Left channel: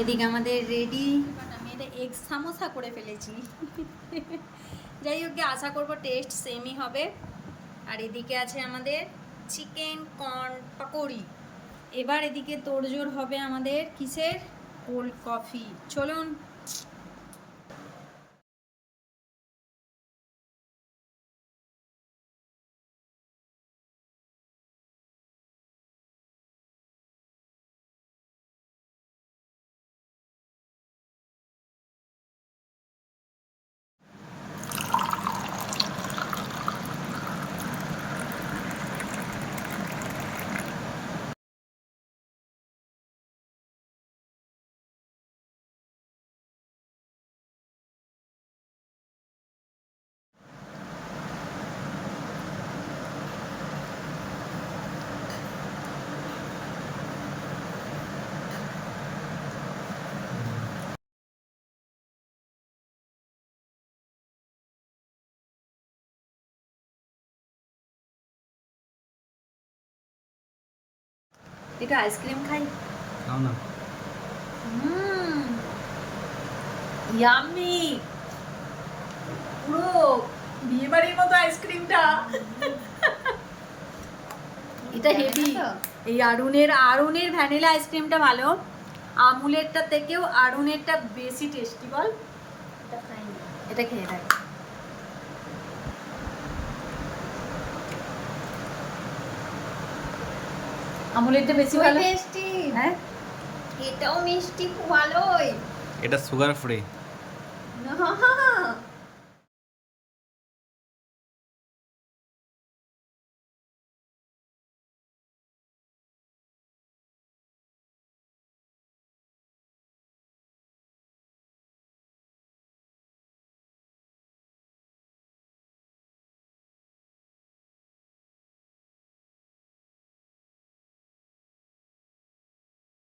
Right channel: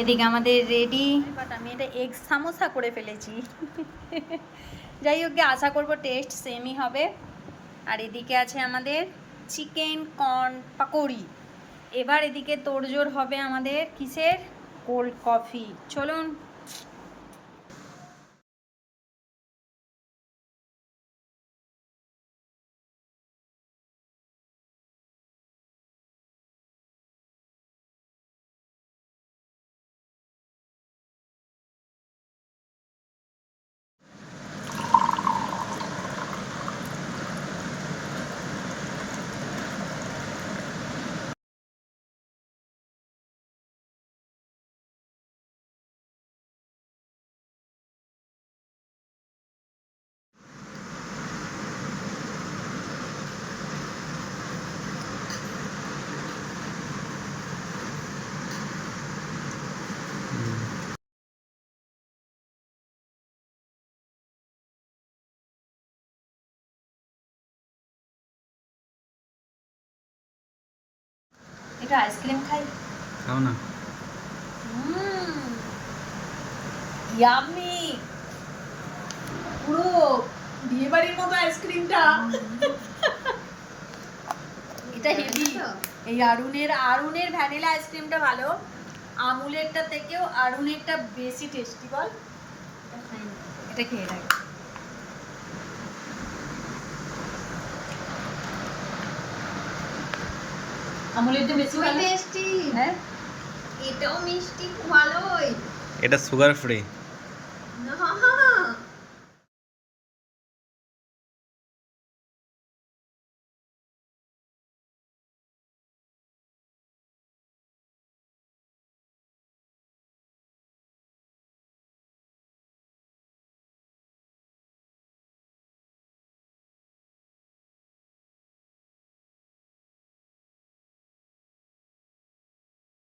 এদিকে আমাদের ready, but আমি এটা এগ সামোসা করে ফেলেছি। যাই হোক, আশা করব টেস্ট সেমই হবে। আর এদিকে আছে আমাদের চিকেন কর্ন পাকোড়ি। এবার এদিকে তোড়জোড় হবে আমাদের কিসের, কোল্ড কফি। চলুন। এটা আইসক্রিম খাই, খাও না। ইয়াম্মি, পুরো বিয়ে বাড়ির মতো আইসক্রিমটা। এটা হেভি। এই আরুনের ভ্যানিলা আইসক্রিমটা ভালো, আমুলেরটা থেকেও আরুনেরটা বেশি টেস্টি। বল, এটা খেয়ে দেখ। আমুলেরটা বেশি ভালো টেস্টি। হ্যাঁ, এটাও মিষ্টি, ভালোই। এটা সুগার ফ্রি। না